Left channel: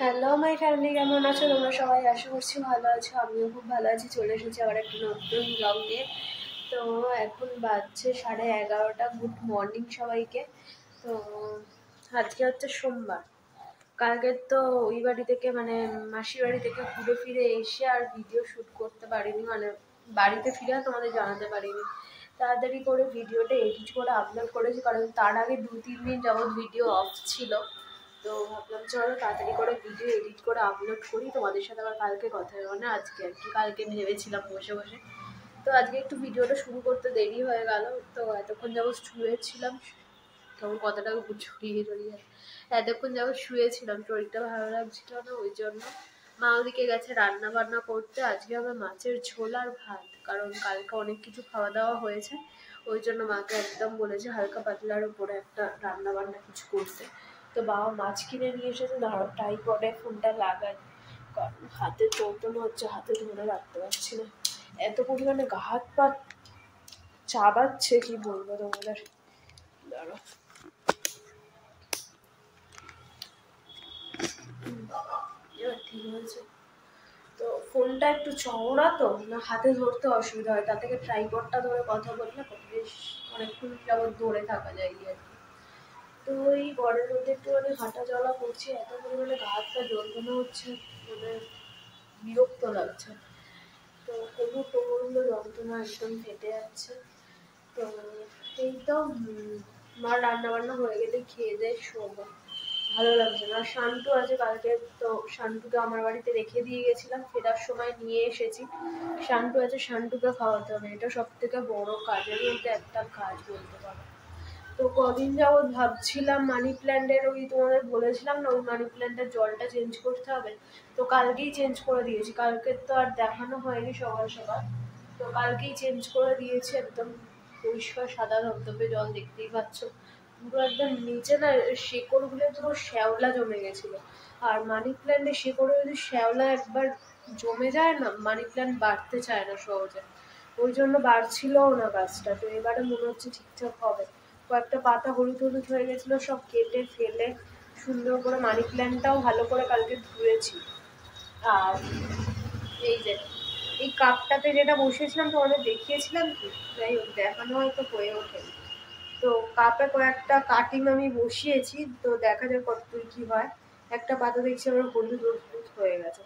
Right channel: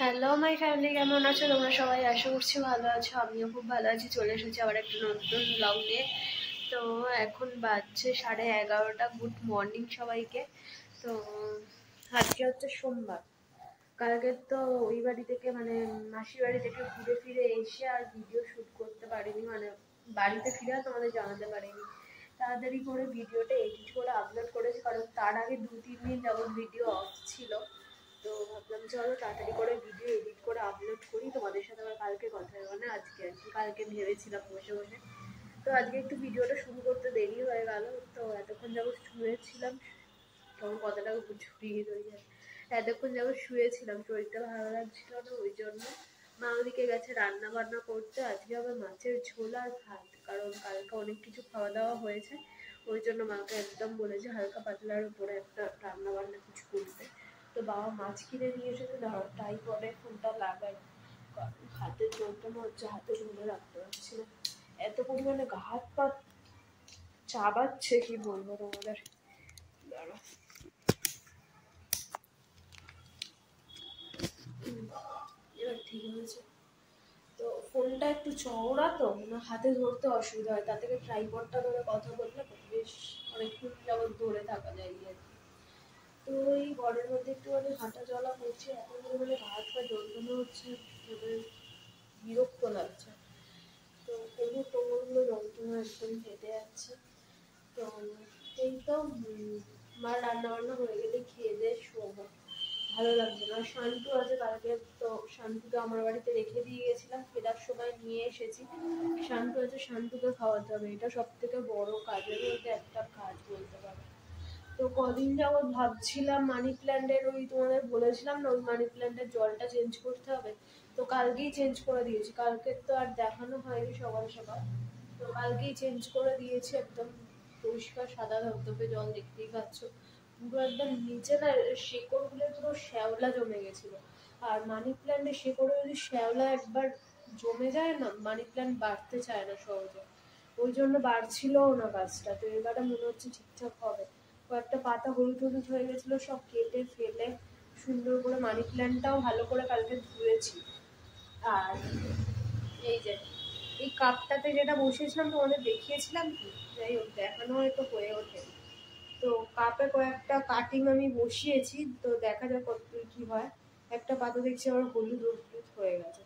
Hello my family, কেমন আছো তোমরা সবাই? আশা করছি ভালো আছো, আমিও খুব ভালো আছি। চলে এসেছি আবার একটা নতুন ব্লগ নিয়ে। তো এখন বাজছে 11:30। গুড মর্নিং সবাইকে। তো আজকে হচ্ছে সোমবার। কালকে তো ওই বাড়ি থেকে মানে মাসির বাড়ি থেকে ঘুরে ফিরে এসে আর ভিডিও শ্যুট করতে পারিনি, মানে বাড়িতে ফিরে তোমাদের জানাতে পারিনি। তাড়াতাড়ি করে ভিডিওটা এডিট করে আপলোড করেছি, কারণ তার আগে 2-3 দিন যাবৎ ভিডিও অফ ছিল। তো ভাবলাম চলো তাড়াতাড়ি করে ভিডিও এডিট করে আপলোড করি, তোমাদের সাথে আবার কালকে কথা হবে, মানে আজকে আর কি। কালকে ভেবেছিলাম বসে বসে, তো আজকে একটু ভিডিওটা শুরু করতে দেরি হয়ে গেল। তো এতক্ষণ যাবৎ শুয়েছিলাম, তখন কতটা ছড়িয়ে ছড়িয়ে এতক্ষণ যাবৎ শুয়েছিলাম, শরীরটা ভালো লাগছিল না, ওই জন্য মা ওদিকে গেছে রান্না বান্না করতে। আজকে হবে মাছের ঝোল আর ভাত, কারণ কালকে অনেক কিছু খাওয়া দাওয়া হয়েছে। ওই জন্য মাকে একদম বলেছে হালকা পাতলার উপরে একটা রান্না বান্না কিছু করতে। তো বাবা মাছ কিনে নিয়ে এসেছে, দাঁড়াও ট্রাইপডে ফোনটা লাগাই, কারণ হাতে যন্ত্রণা হচ্ছে, হাতে ধরে রাখতে পারছি না, এত পরিমাণে গা হাত পা চাবাচ্ছে, কি বলবো তোমাদের। দাঁড়াও, এবার ঠিক হয়েছে। তো ফোনটা একটু চওড়া, তো না হাতে ধরতে অসুবিধা হয়, তা থেকে ট্রাইপডটা ধরে কথা বললে বেশ অনেকক্ষণ যাবত ধরে থাকা যায় আর কি। তো এই গড়ের মধ্যে একটু মানে হাঁটা চলা করছি, এত পরিমাণে গা হাত পা যন্ত্রণা হচ্ছে, মানে বিরক্ত লাগছে। তো কোমর টোমরগুলো যন্ত্রণা একদম ফেটে যাচ্ছে। তো এই তো মার রান্না বান্না হয়ে গেলে খেয়ে দিয়ে শোবো, ভালো লাগছে না। শান্টু আছে কালকে, তো শান্টুকে আমার বাড়িতে রেখে দিয়ে গেছিলাম, ফেরার সময় নিয়ে এসেছি। শান্টু আছে, শান্টুকে খাওয়াতে হবে, এটা সব থেকে বড় কাজের মধ্যে একটা কাজ বলতে পারো। তো কদিন যাবৎ ভাবছিলাম মানি প্ল্যান্টের, ওই তোমাদের বলেছিলাম না ওই মানি প্ল্যান্টের জলটা চেঞ্জ করতে হবে, তো কালকেই চেঞ্জ করে দিয়েছি। কালকে তো আর দেখানো হয়নি সকাল সকাল, তো কালকেই চেঞ্জ করে দিয়েছি। একদম পরিষ্কার সাদা ধবধবে জল, দেখতেই পাচ্ছ। পুরো একদম নিচে না শেকড়গুলো পুরো শ্যাওলা জমে গেছিল। আর মানি প্ল্যান্টের শিকড়ে যদি শ্যাওলা একবার জমে যায় না, মানি প্ল্যান্ট বাড়তে চায় না সহজে, ওই জন্য বাড়ছিলও না গাছটা। তো এবারে মনে হচ্ছে ঠিকঠাক হবে। কয়েকটা পাতা হলুদ হলুদ হয়ে গেছিলো, সব কেটে ফেলে সুন্দর করে মানি প্ল্যান্টটাও ভালো করে কালকে ধুয়েছি। আর এই যে এই কাপটাতে যেটা বসিয়েছিলাম তোমাদের দেখিয়েছিলাম কি, যাই হোক দেখানো হয়তো হয়ে ওঠেনি। তো কাপে কয়েকটা কাটিং আমি বসিয়েছি, তো দেখা যাক কতদূর কি হয়। একটা পাতা দেখছি আমার হলুদ হলুদ হয়ে গেছে।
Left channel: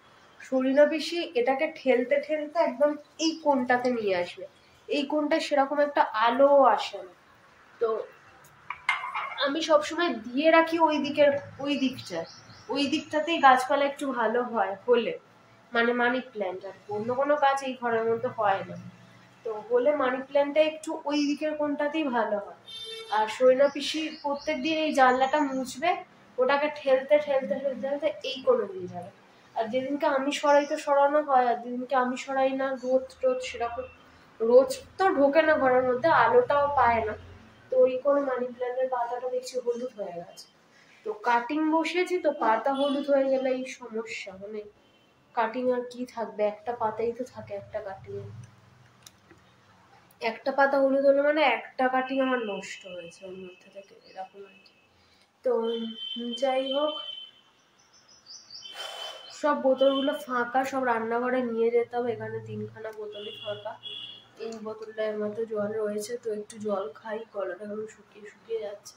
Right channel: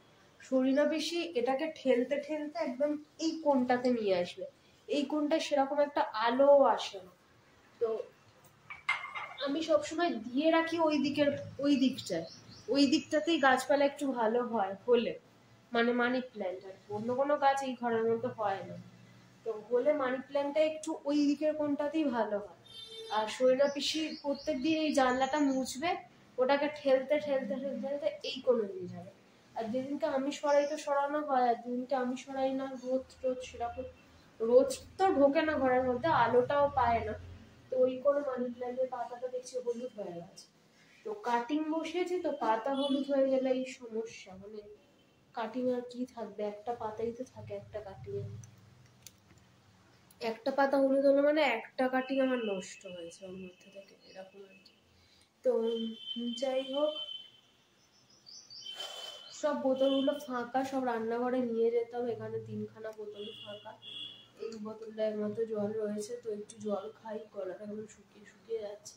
শরীরা বেশি এটাকে ঠেলতে ঠেলতে একদম এই কোণটাতে নিয়ে আসবে, এই কোণটা সেরকম একটা আলো আসে না। তো আমি সবসময় দিয়ে রাখি ওই দিকের, ওই দিকটাতেই গাছপালা একটু ভালো হয় হলে, মানে মানি প্ল্যান্ট। আর অন্য কোনো গাছ এই ঘরের মধ্যে হয় না, তো হলে মানি প্ল্যান্টটা একটু ওই দিকের কোনটাতেই ভালো হয়। আর সৈনা পিসি প্রত্যেকদিন এই জানলাটা মুছবে, ওটাকে ঠেলতে ঠেলতে ঠেলতে ঠেলতে এই কোণে দিয়ে যাবে। আর যেদিনকে আমি সরাই তো সরানো হয়, আর যেদিনকে আমি সরাই না, রোদ টোদ সেরকম, রোজ তো ঢোকে না ঘরের মধ্যে, আলোটাও পায় না, তো ওই কোনো মানি প্ল্যান্টের পাতাটা দেখছি হলুদ হয়ে গেছে। তো কাটিং বসিয়েছি, তো পাতা হলুদ হয়ে গেলে এই সমস্যা, মানে কাটিং আর কি থাকবে, একটা পাতাই তো থাকে একটা কাটিং, একটা পাতা হলুদ হলে মানে একটা কাটিং আমার নষ্ট হয়েছে ওর মধ্যে থেকে, এরকম আর কি। তো যাই হোক, সব বোতলগুলো ফাঁকা, সব রান্নাঘরে নিয়ে যেতে হবে। এখানে 3খানা বোতলই ফাঁকা, এই বোতলটার মতো জল রয়েছে, তো একটু জল খাই, গলাটা এখন শুকিয়ে শুকিয়ে যাচ্ছে।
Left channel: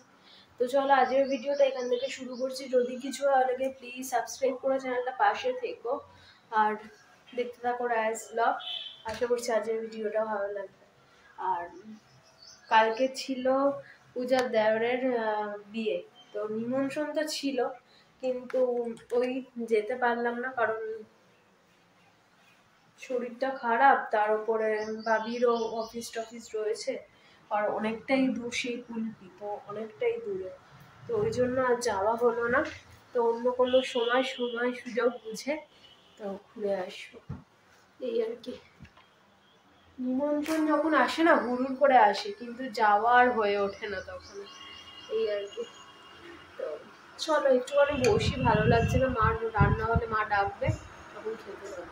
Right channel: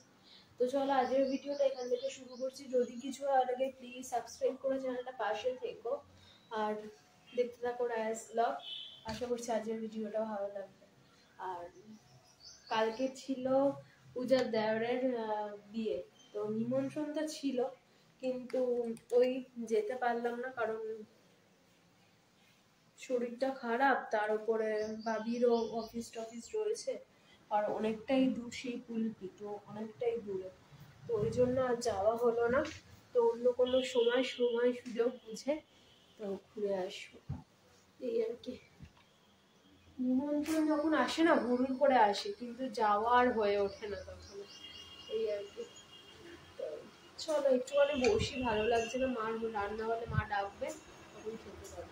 তো চলো আজকের ভিডিওটা এখান থেকে শুরু করছি। যদি কিছু ভালো লাগে প্লিজ সাবস্ক্রাইব করে চ্যানেলটা পাশে থেকো, আর দেখতে থাকো রায়াস ব্লগ। আশা করছি আজকের ভিডিওটা ভালো লাগবে। আর কালকে ছিল পূজার দেওরের বিয়ে, তো নিমন্ত্রণ তো ছিল, কিন্তু ওই যেতে পারলাম না, কারণ শরীরটা খারাপ, তার উপরে বাবিরও অফিস টফিস রয়েছে, আর অনেকটাই দূর, সেই কুলপি তো অনেকটাই দূরে, তো ওই জন্য আর যাওয়া হলো না। তো অন্য কোনো সময় সময় সুযোগ বুঝে তো ঘুরে আসবো, এই আর কি। নিমন্ত্রণ যখন আসে না হুড়ুর করে আসে, কিন্তু যাওয়া আর হয়ে ওঠে না তখন, এই আর কি। তো চলো একটুখানি বসি, ভালো লাগছে না, মার রান্না হলে মা ডাকবে, তখন খেতে হবে।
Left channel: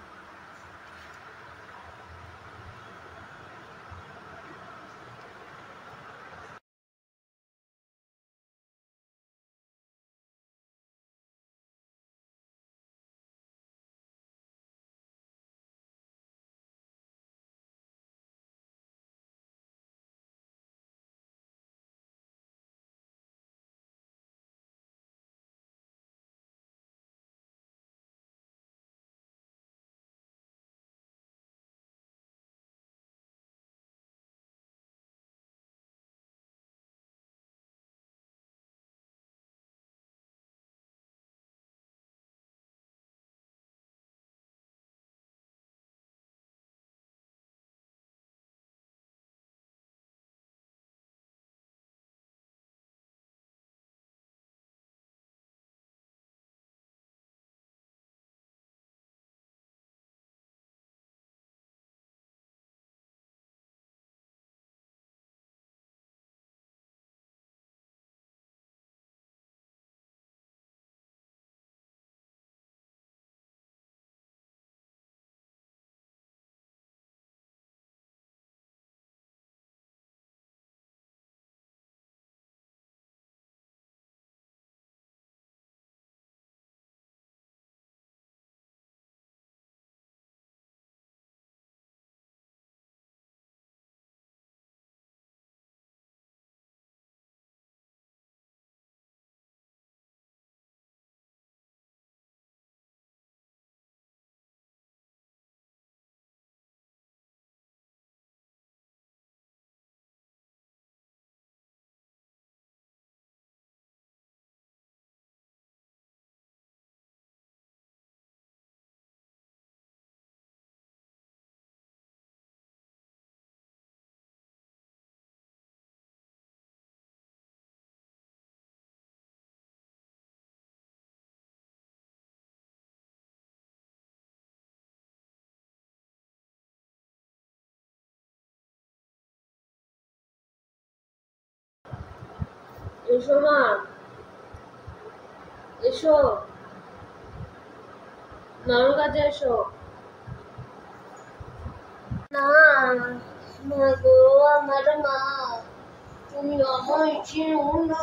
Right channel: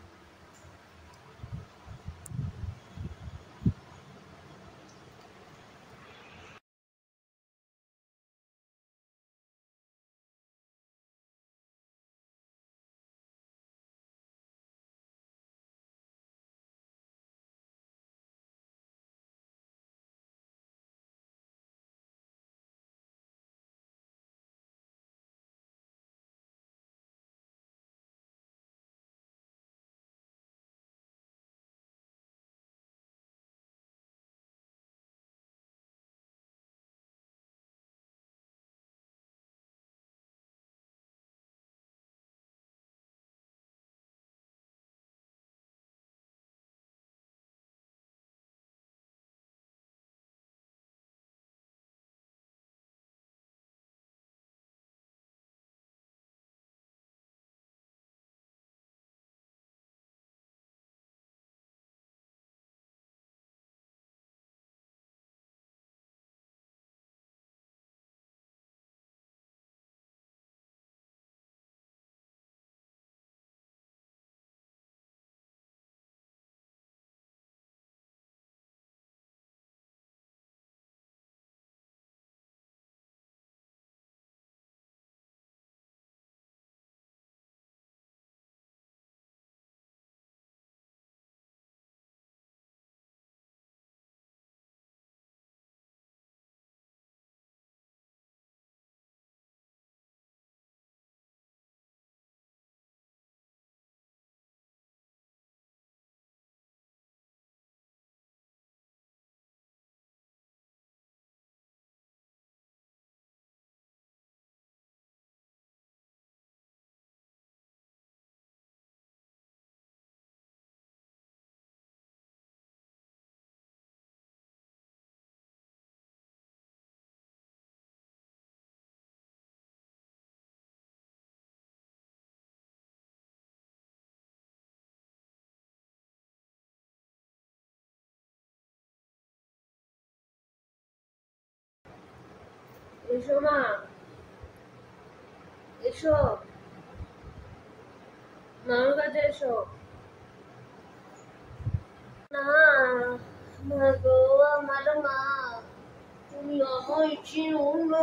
এসো মা, এসো মামার কাছে এসো না। মা গো, আমার মা, তুমি আমায় চিনো না।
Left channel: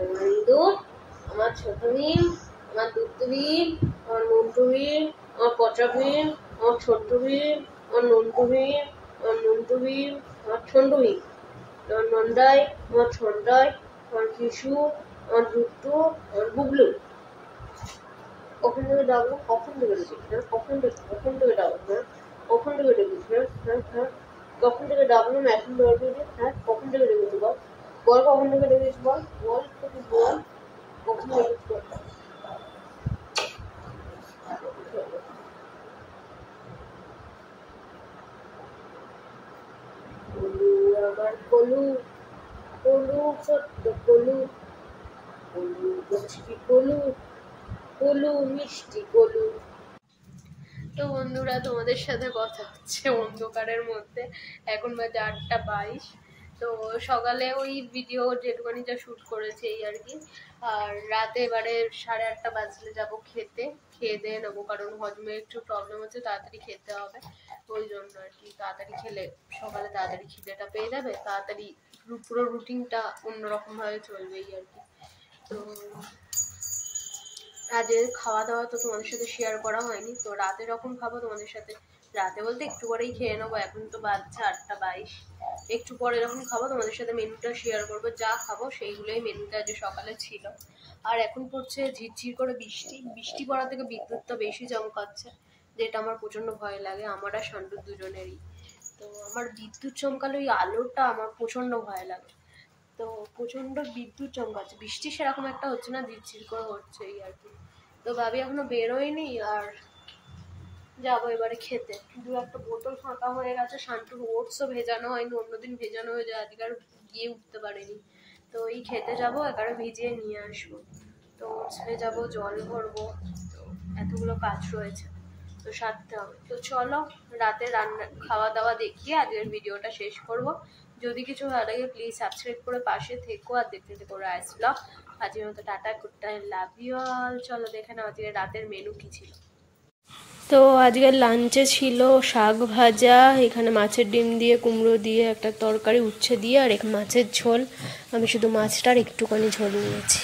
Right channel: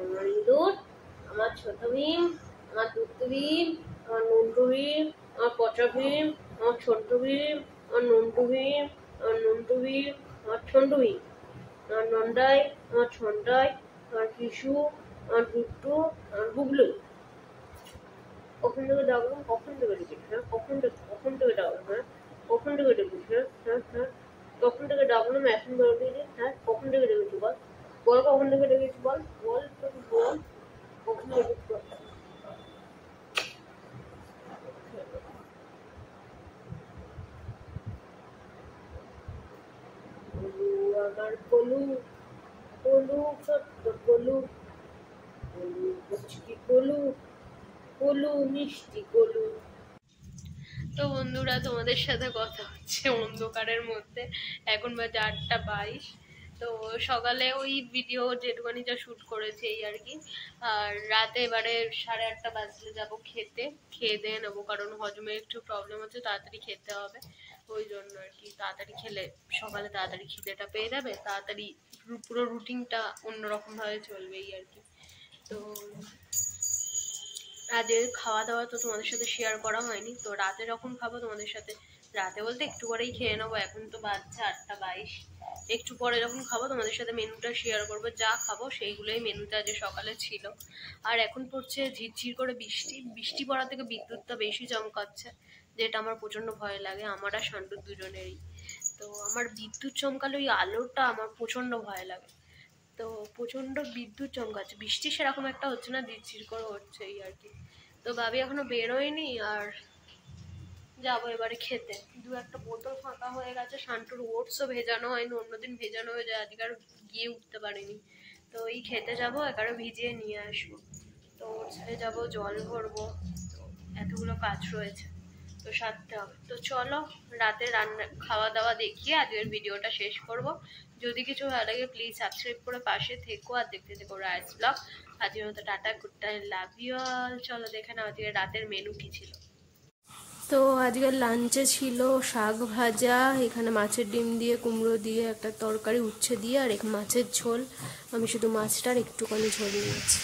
ওরে ইঁদুর, আমার ছোট ভীম, আমার দুধ ভীম, আমার মন্টু ভীম, আমার পচা ভীম, আমার ছোট্ট ভীম, আমার নন্টু ভীম, আমার নন্টু ভীম, আমার ছন্টু ভীম, আমার নন্দাই, আমার ছন্দাই, আমার কিশু, আমার টুট্টু, আমার বুবলু। কখন থেকে ডাকবো, কখন থেকে ডেকেছি, হ্যাঁ কখন থেকে ডাকবো, হ্যাঁ কখন থেকে ডেকেছি, হ্যাঁ হ্যাঁ হ্যাঁ কখন থেকে ডাকলাম এখন বেরোবি যে, হ্যাঁ কখন থেকে ডেকেছি বল, বল কখন থেকে ডেকেছি, বল বল একটু বল কখন ডেকেছি বল। কলু আমার কলু, কলু ছোট্ট কলু, কলু কচি কলু, কলু মিষ্টি কলু। তো বন্ধুরা, তোমাদের সাথে কথা হচ্ছে অন্ধকারের মধ্যে। এখন বাজে 8:22। তো সকালে ওই ভিডিও যেটুখানি যা শ্যুট করেছি এই আর কি। আর রাতে এবারে 8:30 বাজলে যাব খেতে, খেয়ে দিয়ে নেবো, কারণ হজমের একটু প্রবলেম হচ্ছে, তাড়াতাড়ি খেতে হবে। ওই জন্য আর কি, তাড়াতাড়ি খেলে সকালে তাড়াতাড়ি খিদেটা পেয়ে যাবে, তাড়াতাড়ি পুরো রুটিনটা অন্যরকমভাবে চলবে এই আর কি। তো রাতের খাওয়া দাওয়া তো তোমাদের সাথে শেয়ার করা হয়নি। তো রাতে যখন খাবো তোমাদের সাথে, রাতে বলতে একটু পরেই খেয়ে নেবো, এখন তো বাজছে 8:22। একটু পরে যখন খাবো তোমাদের সাথে মেনুটা শেয়ার করবো, যা খাবো সেইগুলোই মেনুটা যে সকালে ছিল। আর এখন পড়ছে ঝিরঝির করে বৃষ্টি, বৃষ্টি পড়া থেকে বিদ্যুৎটা বেশি চমকাচ্ছে, যেটা আমার প্রচন্ড ভয় লাগে, আমার আর শান্তুর দুজনেরই। তো আমার বিদ্যুৎ চমকালে ওই আলোটা আমার প্রচন্ড ভয় লাগে। তো প্রচন্ড বিদ্যুৎ চমকাচ্ছে, বৃষ্টি সেরকম একটা হচ্ছে না, ঝিরঝির করে হচ্ছে এই আর কি। তো ভাবি এখনো বেরোয়নি, আর যাবো এবারে খেতে। দু একটা বোতল ফাঁকা হয়ে গেছে, শান্তুর ওটসও ভেজানো হয়নি, অন্যদিন ভেজানো হয়ে যায়, আজকে আর গিয়ে উঠতে পারিনি। তো এই খেতে যাবো, এবারে ভিজিয়ে নিয়ে আসবো। তো ওটস ভেজাবো, জল ভরবো, তো এতগুলো কাজ রয়েছে, তো সারতে হবে। তো চলো রাতে রান্না খাওয়া দাওয়া দেখিয়ে আজকের ভিডিওটা শেষ করব। যদি কিছু ভালো লাগে প্লিজ সাবস্ক্রাইব করে পাশে থেকো, আর দেখতে থেকো রাইস ব্লগ। আজকের মতো tata, good time, love you all. চলো দেখে নাও আজকে রাতের মেনু কি ছিল। তো আজকের লাঞ্চে ছিল শাক ভাজা, এখানে মাছের ডিম দিয়ে, কুমড়ো দিয়ে একটা তরকারি, উচ্ছে দিয়ে, আর এক মাছের ঝোল। আমি শুধু মাছটার একটুখানি ঝোল নিয়েছি।